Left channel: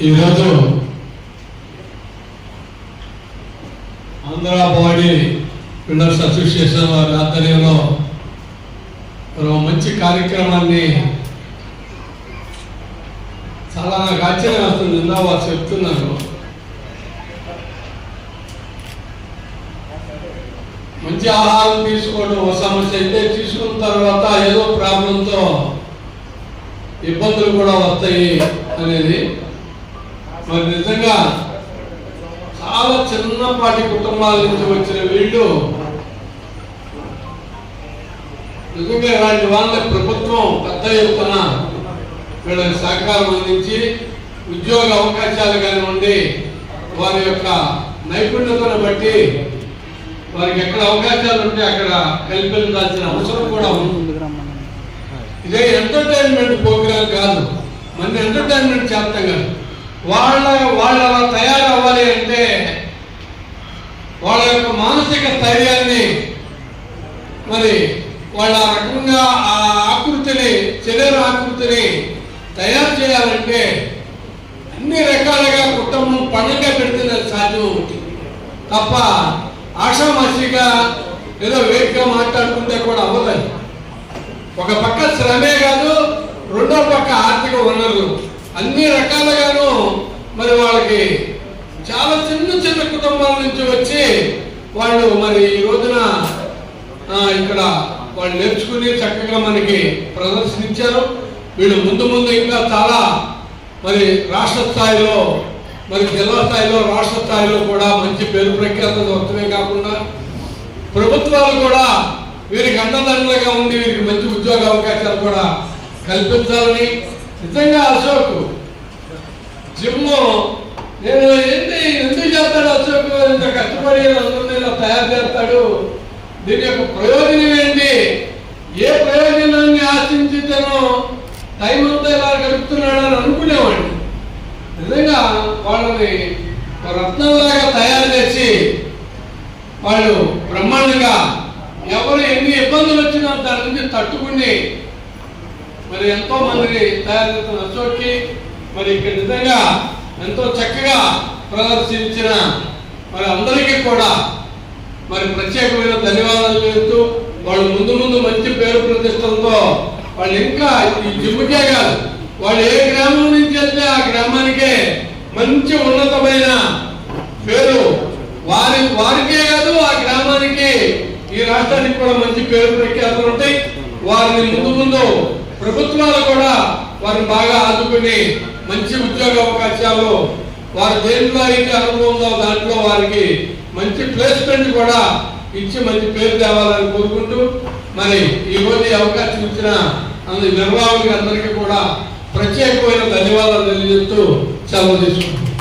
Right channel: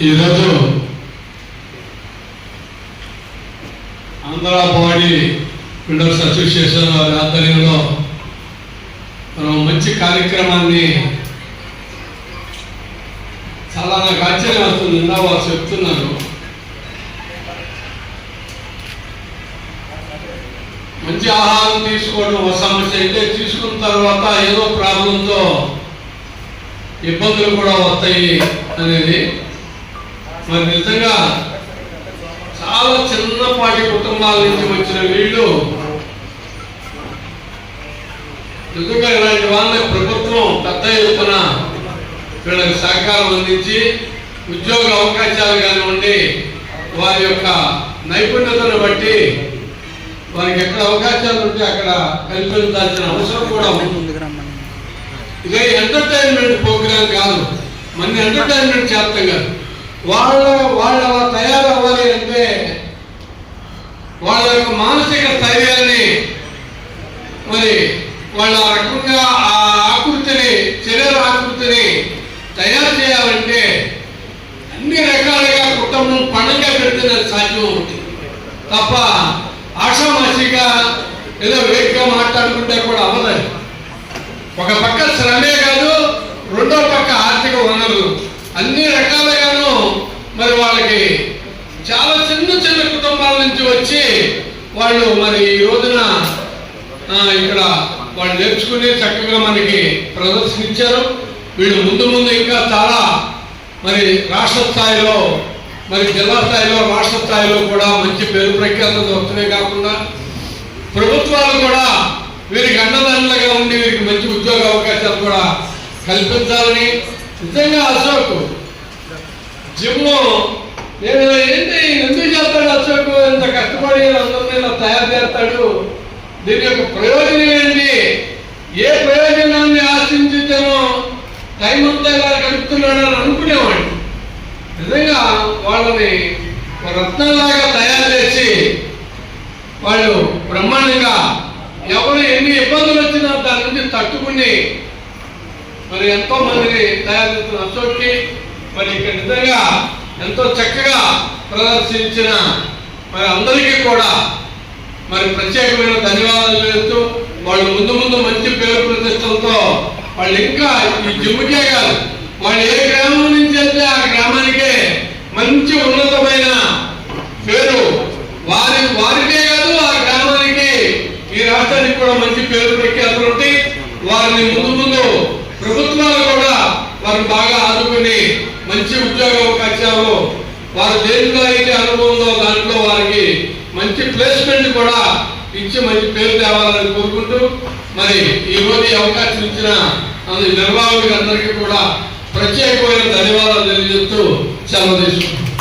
ఈరోజు Andhra body builders association వారి ఆధ్వర్యంలో మనం మంచి కార్యక్రమాన్ని చాలా నాకు ఆశ్చర్యం వస్తుంది. వారు చెప్తున్నారు మంచి ఆహారం తీసుకోవడం ఒక సమస్య అయితే, తీసుకున్న తర్వాత ఏదో ప్రాబ్లంతో ఇబ్బందులు కూడా వస్తాయి అనేది. మరి నిజంగా చాలా చిన్నపాటి కుటుంబాల నుంచి వచ్చిన వీళ్ళు నిజంగా ఇలాంటి వాళ్ళని ప్రభుత్వం పెద్ద ఎత్తున వీళ్ళకి సహకారం అందించి ఉద్యోగ అవకాశాలు కానివ్వండి, వారి యొక్క నైపుణ్యతను బట్టి వారికి ఎక్కడ అవకాశాలు ఉంటే అక్కడ కల్పించాల్సిన అవసరం కూడా ఉంది. ఇదే ఎంటర్టైన్మెంట్ ప్రోగ్రాం కాదు, మన ఎంటర్టైన్మెంట్ చేస్తాం కాదు. వాళ్ళ తయారవ్వాలి అంటే వాళ్ళ యొక్క మానసిక స్థైర్యాన్ని, మరి వాళ్ళ రకంగా ఆ ఆకృతిని, శరీర ఆకృతిని తయారు చేయాలంటే అన్ని రకాలుగా కుటుంబం పండుగ పెడితే సాధ్యం ఉంటుంది తప్ప ఆషామాషిగా ఏదో వేగంగా మాట్లాడుకుంటే కూడా అవ్వలేదు. ఒక పక్క శ్రమే కాదు, రెండో పక్క ఆర్థిక వనరులు అన్ని రకాలుగాను మరి వాళ్ళకి చాలా చిన్న చిన్న కుటుంబాల నుంచి వచ్చి వాళ్ళు మరి ఈ రోజున ఇక్కడ వాళ్ళు నేర్చుకుని చక్కగా మనకి ప్రదర్శించారు. వీళ్ళు ముందు ఇంకా చాలా మరి రాష్ట్ర స్థాయిలో, మరి జిల్లా స్థాయిలో, రాష్ట్ర స్థాయిలో కూడా మంచి పేరు ప్రఖ్యాతలు వస్తున్నాయి. కాకుండా ప్రభుత్వాలు కూడా వీరికి అండదండలుగా ఉండి వీరికి మంచి ఉద్యోగ అవకాశాలు కూడా కల్పించాలని. నిజంగా అశోక్ జిమ్ నేను ఏంటి ఎందుకు చేస్తాడు అశోక్, ఇంత కష్టపడి అందరినీ తయారు చేస్తాడు, దీని యొక్క ప్రయోజనం ఏంటి, ఏ ప్రయోజనాన్ని ఆశించితేనో టైం అంతా ఇలా గడుపుతున్నాడని అనుకునేవాడిని. నిజంగా వాళ్ళని రత్నాలాగా తయారు చేసి వాళ్ళు బ్రహ్మాండంగా ఎవరు ఎన్ని ఇబ్బందులు వచ్చినా దాని నుంచి తట్టుకుని మరి ఎంతో మందిని తయారు చేస్తున్న అశోక్కి మరి ఇక్కడ నిజంగా ఎంతో చక్కగా ప్రదర్శించిన మరి అందరికీ కూడా మరి ప్రత్యేకమైన ధన్యవాదాలు చేస్తూ, వాళ్ళు ముందు మంచి పేరు ప్రతిష్టలతో వాళ్ళు ఇంకా ఈ జిమ్కే కాదు, వాళ్ళు ఏ గ్రామం నుంచి వెళ్తే ఆ గ్రామానికే మంచి ఉన్నతమైన పేరు, వారికే కాదు ఆ గ్రామానికి, ఈ రాష్ట్రానికి కూడా మంచి పేరు ప్రఖ్యాతులు ఉంటాయి. వారిని ముందు ప్రభుత్వాలు కూడా వారు బాగా ఆదుకుని మంచి ఉద్యోగ అవకాశాలు, వారు దేనిలో అయితే అనుభవం ఉందో దాంట్లో వారికి మంచి ప్లేస్మెంట్ కూడా ఇచ్చి మంచి పేరు తేవాలని కోరుకుంటూ, మరి ఈ రోజు ఈ అవకాశం ఇచ్చిన నిర్వాహకులందరికీ కూడా ప్రత్యేకమైన ధన్యవాదాలు తెలియజేస్తూ సెలవు తీసుకుంటున్నాను.